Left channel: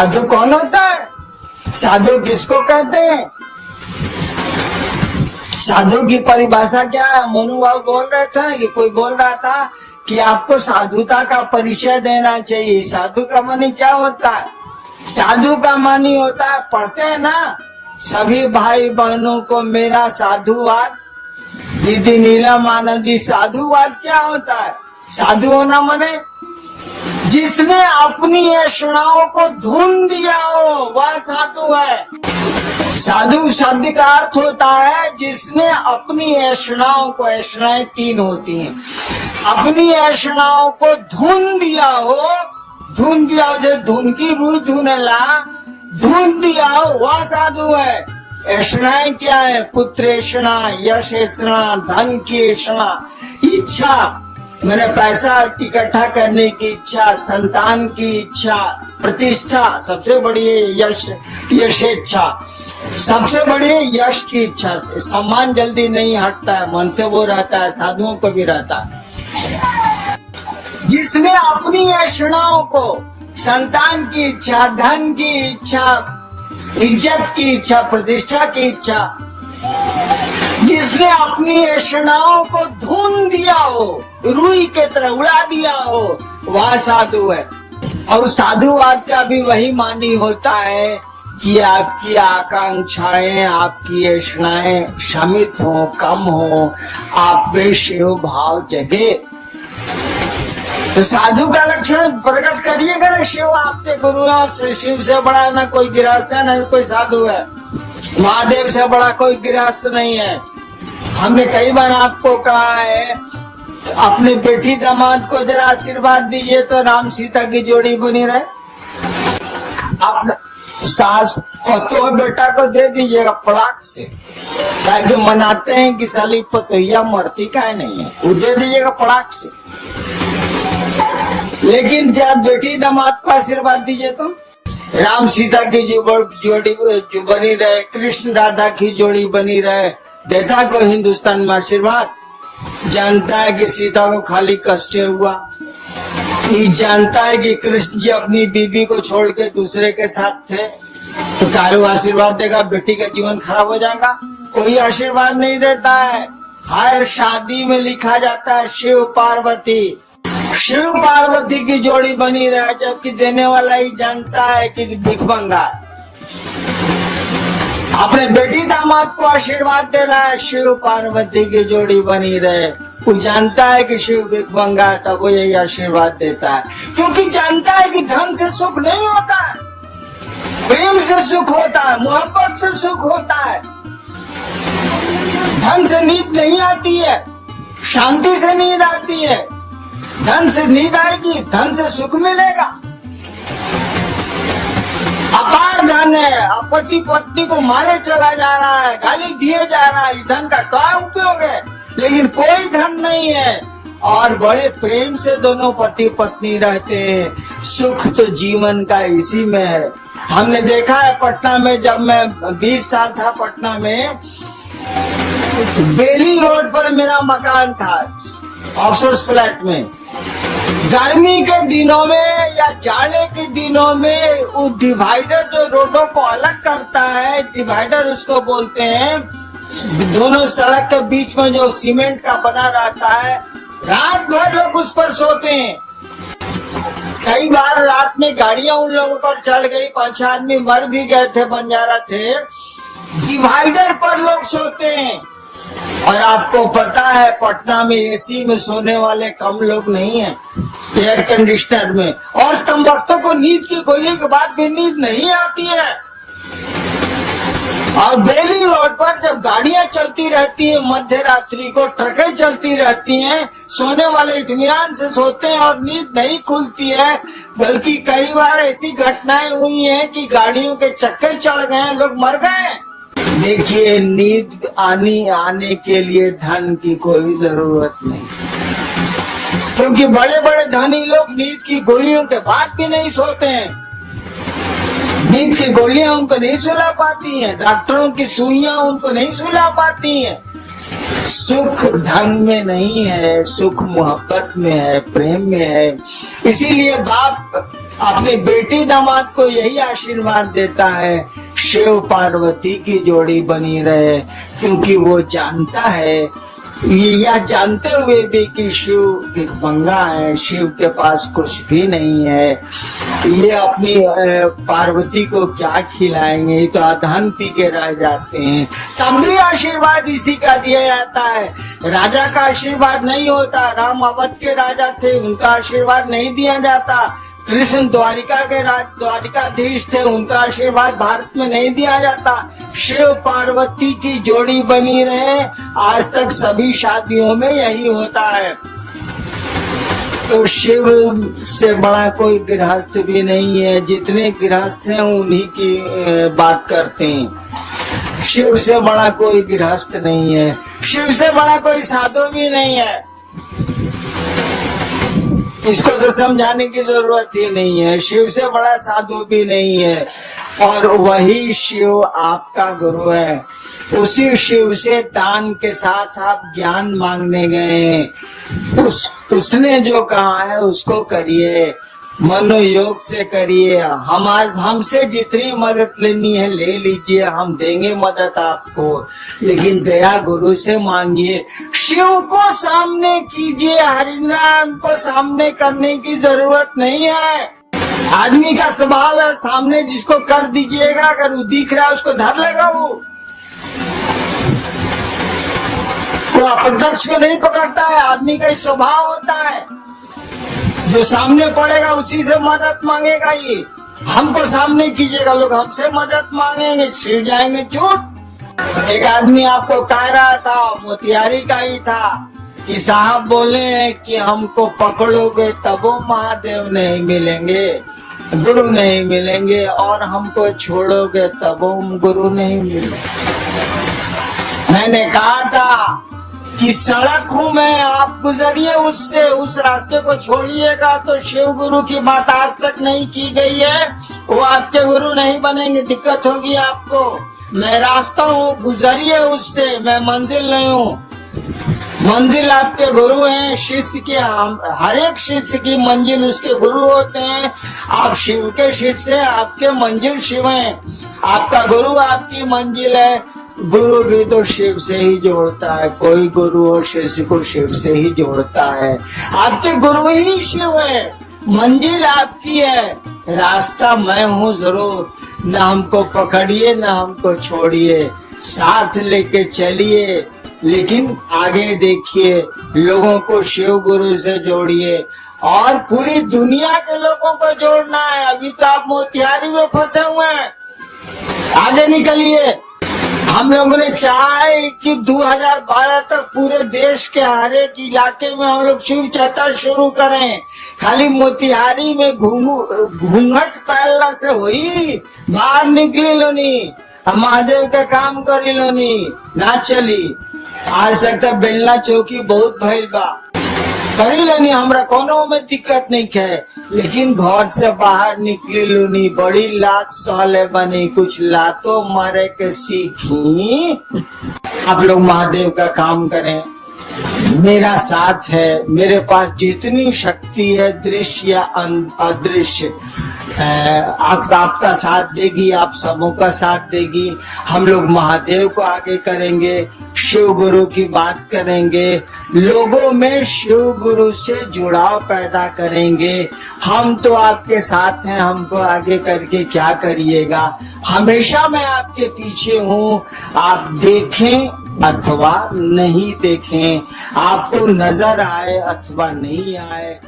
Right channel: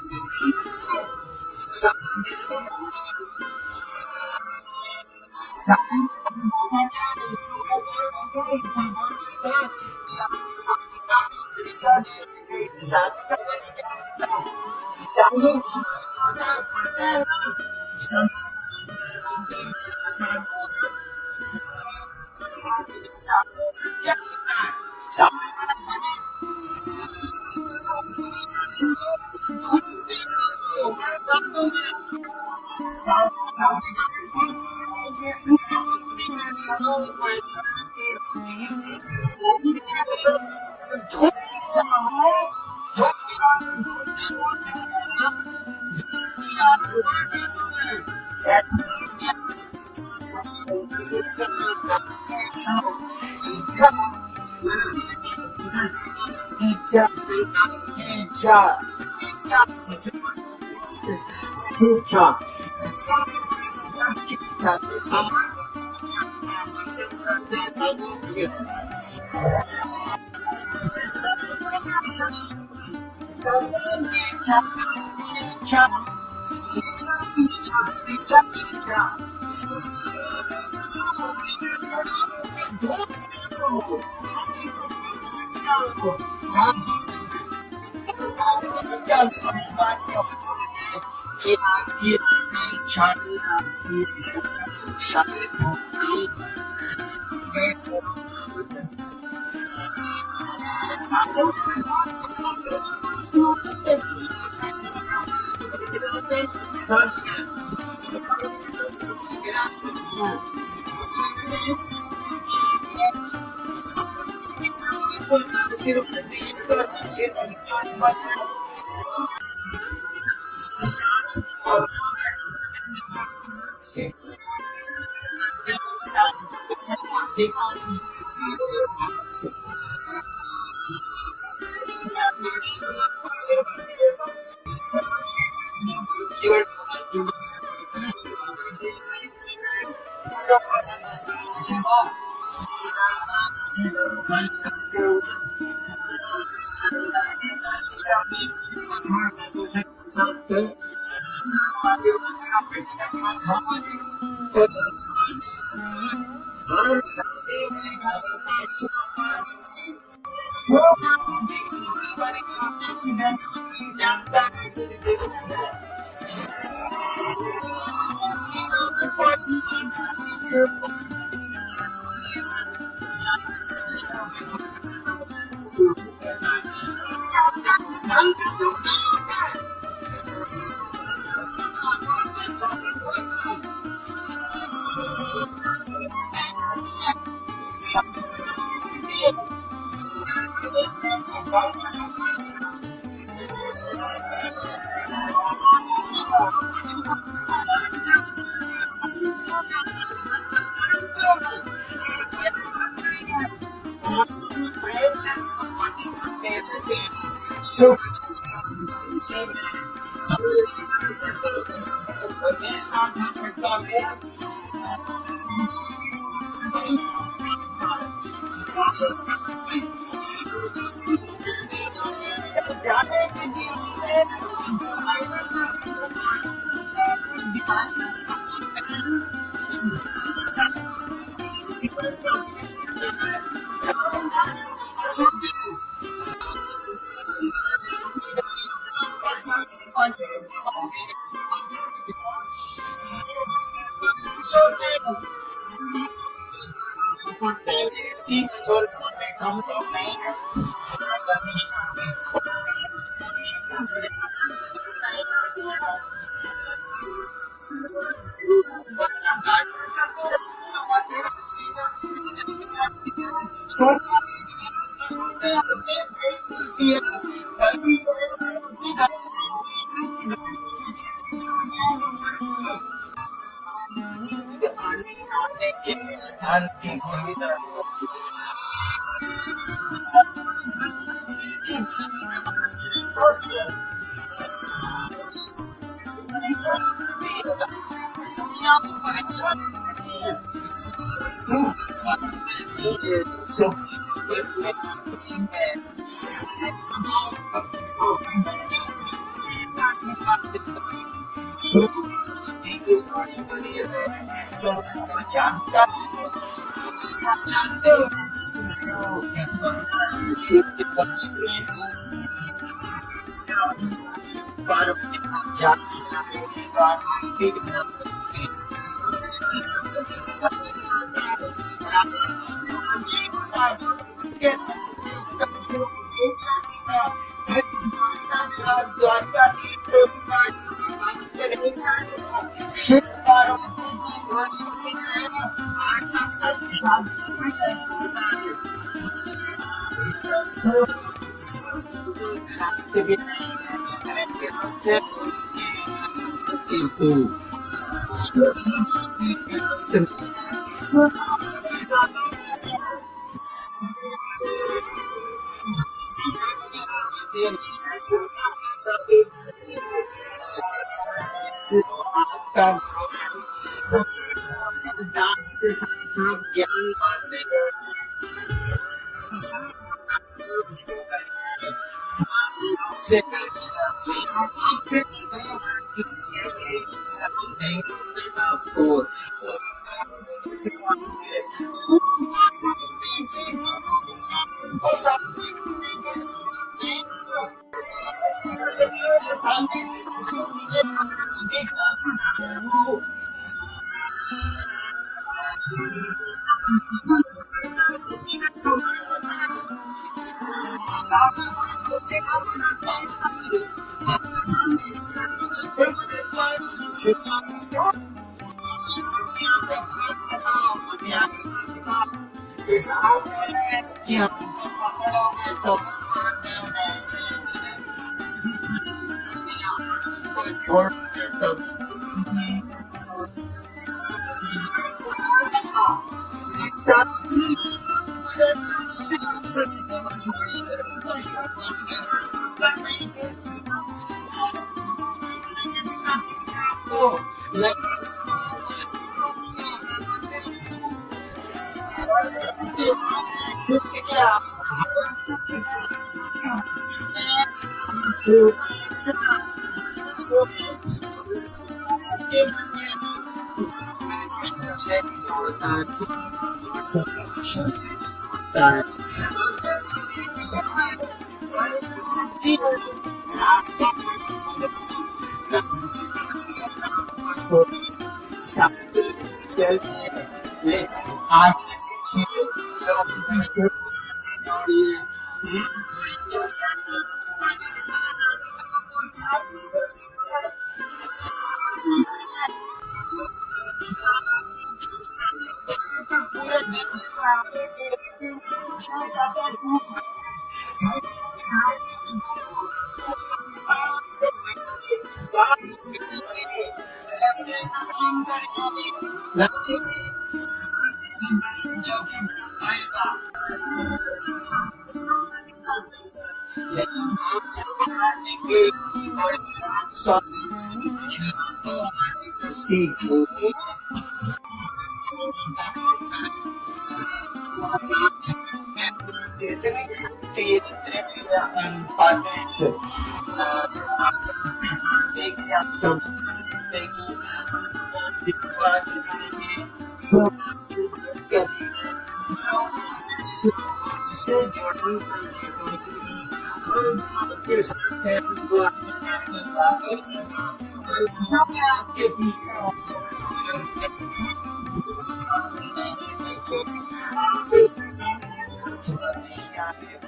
साधु कौन होता है? साधु किसको कहते हैं? साधु की परिभाषा क्या है? मनुभाव बोल रहे थे कि कोई बोल रहा था कि आपको साधुता का परिचय देना चाहिए। साधु का मानी क्या होता है? साधु का मानी होता है, पढ़ते हैं ना सभी भाई बहनों को मेरा साधुवाद। दीदी नीलम आनंदी, साधुवाद क्या होता है? साधु होना माने जिसने अपनी ऐषणाओं को धुन दिया हो वह साधु है। साधु शब्द का अर्थ होता है जिसने अपनी ऐषणाओं को, ऐषणाएं 3 होती हैं, अपनी ऐषणाओं को धुन दिया हो। धुन दिया हो जो धुन की बुई धुनला, धुन दिया हो वह साधु है। ऐषणाएं क्या है? पुत्रेषणा, यश ऐषणा, धन की ऐषणा, इच्छा मैंने पैसा इकट्ठा करने की इच्छा, संतान की इच्छा, प्रतिष्ठा, सबसे बड़ी यश, यशेच्छा, सबसे बड़ी यश की इच्छा से। सम्मान जल्दी नहीं हटता है, मन से वो रहता है, साधुओं को भी रहता है। जिसने अपनी ऐषणाओं को, संतान की इच्छा, धन की इच्छा, इज्जत की इच्छा, प्रतिष्ठा की इच्छा, जिसने अपनी ऐषणाओं को धुन दिया हो, रुई के तरह उड़ा दिया हो, वह साधु है। और साधुवाद का भी वही मानी होता है कि आपकी आकांक्षाएं, आपकी ऐषणाएं शमित हो, कम हो, आप में शिव भाव जगे। तो साधु का लक्षण प्रकट करिएगा ना। शिव आपके गुरुओं से, शिव से बड़ा ना कोई गृहस्थ है, ना कोई साधु है। महादेव से बड़ा कोई गृहस्थ नहीं है। हमने कई बार आपको कहा है अपनी बेटी दामाद को जरा आशीर्वाद दीजिए तो राम सीता की जोड़ी बनी रहे। अपना सास पतो बेटा को दे दीजिएगा पलाट से, ताकि मनाते हैं कि साली पतोहिया मरती का नहीं है, वो दे दीजिएगा पलाट से। लेकिन जब बेटी दामाद को आशीर्वाद दीजिए तो राम सीता की जोड़ी बनी रहे, कृष्ण राधा की जोड़ी बनी रहे। देखा को हिंदुस्तान में आशीर्वाद? जानता है कि सीता को खाली कष्ट हुआ, ये जानता है कि कृष्ण जी अपनी बीबी को छोड़ के दूसरे के साथ थे, तो कारू आशीर्वाद देगा? बेटी का जीवन खराब हो जाएगा? कोई आशीर्वाद नहीं देता है। हर शादी में लिखा जाता है शिव पार्वती, शिव पार्वती की जोड़ी बनी रहे, जबकि देने वाला ही जानता है कि भिखमंगा अपने बेटी दामाद को आशीर्वाद दे रहा है शिव पार्वती की जोड़ी बनी रहे। वो जानता है कि शिव भिखमंगा है, तब वो यही आशीर्वाद देता है, क्योंकि जानता है कि धन से सुख नहीं होता है, प्रेम से सुख होता है, मोहब्बत से सुख होता है। धन से नींद नहीं आती है, शांति से नींद आती है। धन से नींद आएगी, धन से सुख मिलेगा। अपार धन है, पति पत्नी को मारे चला जा रहा है, गाली दिए जा रहा है, इस धन का क्या उपयोग है? लेकिन कोई धन नहीं है और बड़े प्रेम से दोनों पति पत्नी रहते हैं। सुख तो जीवन का इसी में है। हमने देखा है पटना में, जब मैं 20 साल था पटना में, बेली रोड पर मेरा मकान था, ऑफिस फ्लैट में। गर्मी के दिनों में या जाड़े के दिनों में वो डिवाइडर जो रोडों को अलग करता है, डिवाइडर उसको बोलते हैं, दोनों सड़क के बीच में जो सीमेंट का बना रहता है, रात भर लोग उस पर सोते हैं। कई बार रात में गाड़ियां उन लोगों पर चढ़ गई, 5 आदमी मर भी गए थे, बंजारा थे। डिवाइडर पर लोग सोते हैं। और आपको पता है पटना में एसी में सोने वाले कम लोग नहीं हैं, एयर कंडीशनर में। और कम वक्तों को नींद की गोली के बाद भी नींद नहीं आती है। और बेली रोड पर जब गाड़ियां चलती रहती हैं, मध्य रात्रि को ट्रकें चलती रहती हैं, सोने वाले इत्मीनान से सोते हैं और नींद नहीं खुलती है। बल्कि कई बार ऐसी घटनाएं हुई हैं कि गाड़ियों के चक्के चढ़ गए, लोग मर गए। देखिए, नींद आने के लिए धन की कोई जरूरत नहीं, क्योंकि बड़े बड़े धनी लोग नींद की गोलियों के बाद भी नहीं सोते हैं। नींद की गोलियां उनको नहीं सुला पाती हैं, डॉक्टरों की सुइयां उनको नहीं सुला पाती हैं। सुख धन में नहीं है, सुख मोहब्बत में है, प्रेम में है। इसीलिए बाप अपनी बेटी दामाद को यही आशीर्वाद देता है, शिव पार्वती की जोड़ी बनी रहे, क्योंकि वो जानता है, यह जानते हुए भी कि शिव भिखमंगा है, शिव के पास कुछ भी नहीं है, ये अपनी पार्वती को क्या खिलाएंगे, ये तो अधन पी के रह जाते हैं। तब भी आशीर्वाद इसी का दिया जाता है। राजा का आशीर्वाद नहीं होता, राम अवध के राजा थे, उनका आशीर्वाद नहीं दिया जाता। कृष्ण द्वारिकाधीश थे, उनका आशीर्वाद भारत में नहीं दिया जाता। शिव पार्वती की जोड़ी बनी रहे, आज तक सभी शादियों में यही होता है। तो शिव से बड़ा कोई गृहस्थ भी नहीं है, जितने गृहस्थ हैं उन्हीं की बात करते हैं। शिव से बड़ा कोई गृहस्थ नहीं है, शिव से बड़ा कोई साधु भी नहीं है। इसको तो समझाने की जरूरत ही नहीं है, शिव से बड़ा साधु भी नहीं है। और वही शिव आपका गुरु है, उसी शिव से दान के साथ आप ज्ञान मांगने गए, उसने जो कहा है उसको करिए, मनोयोग से करिए। हमसे जितनी मदद लेनी है ले लीजिए, हम देंगे मदद आपको, लेकिन दया गुरु से मांगिए। शिव को सामने कीजिए, हरिनाम को सामने करने की जरूरत नहीं है। आदमी का स्वभाव है, सामने जिसको कर दीजिएगा, अगर वो दिख रहा है उसको धर लेगा, वो अप्रत्यक्ष को नहीं पकड़ता है। आदमी का स्वभाव होता है, जो सामने पड़ेगा उसी से मदद मांगेगा। ये हमको सामने कीजिएगा, लोग हमसे मदद मांगेंगे, छिड़ जाएंगे चूट। एक आदमी आपको कह रहा था, मोतिहारी का ही था, कि साहब बोले हैं कि हमको पकड़ोगे तब वो महादेव नहीं मिलेंगे, गुरु नहीं मिलेंगे, और हमको छोड़ोगे तब वो गुरु नहीं मिलेंगे। मैंने कहा था कि सड़क हूँ मैं, आप गुजरिए उससे, उस रास्ते को छोड़िएगा तो शिव गुरु की बात आज तक नहीं की गई है, वो आपके गुरु नहीं बनेंगे, दिक्कत होगी आपको। मैं रास्ता हूँ, गुजरिए उससे, मैं मंजिल नहीं हूँ। मंजिल आपके गुरु हैं, शिष्य के, हर एक शिष्य की मंजिल उसके गुरु होते हैं। आप शिव के शिष्य हैं, आपके मंजिल शिव हैं, आपका गुरु आपकी मंजिल है। गुरु भी तो शिव से ही जोड़ता है, कोई गुरु और शिष्य को शिव से ही जोड़ता है। आपके गुरु ही शिव है, मंजिल आपकी है, रास्ता मैं हूँ जरूर। न हमको पकड़िए न हमको छोड़िए, साथ लेके चलिए, लेकिन आगे देखिए, लोगों को शिव गुरु से जोड़िए और पूरी दुनिया के लोगों को जोड़ना है। अभी तो आप मोतिहारी में फंसे हुए हैं, आगे निकलिए। हम लोगों ने चाहा है कि 2012 तक पूरे देश के हर एक इलाके में हम लोग शिव चर्चा शुरू करें। खाली मोतिहारी में घूंघट तालना से हुई, बाहर निकली लोनी, महादेव का काम करी लोनी, ना चली। आज तक तो बेलना चौकी बहुत भइल बा, करी लेनी, हमरा कोनो में दिक्कत नहीं है, लेकिन घर से बाहर निकली लूनी, बड़ी लात सहले बनी, कुछ लातो मारे के सीखी। आप लोग महादेव का काम करें, मेरा साथ है, मेरे पास जितनी शक्ति है, दृश्य या अदृश्य, आपका साथ देगी, आप सबों का साथ देगी। हम लोग महादेव को आगे करेंगे, शिव गुरु की बात करेंगे, लोगों में शिव गुरु से जुड़ाव पैदा करेंगे। हम तो आपके साथ हैं, हमको आगे करके क्या करिएगा। हमेशा मैं आपके पीछे हूँ, आप देखें अथवा नहीं देखें, आपको नजर आए अथवा नहीं आए,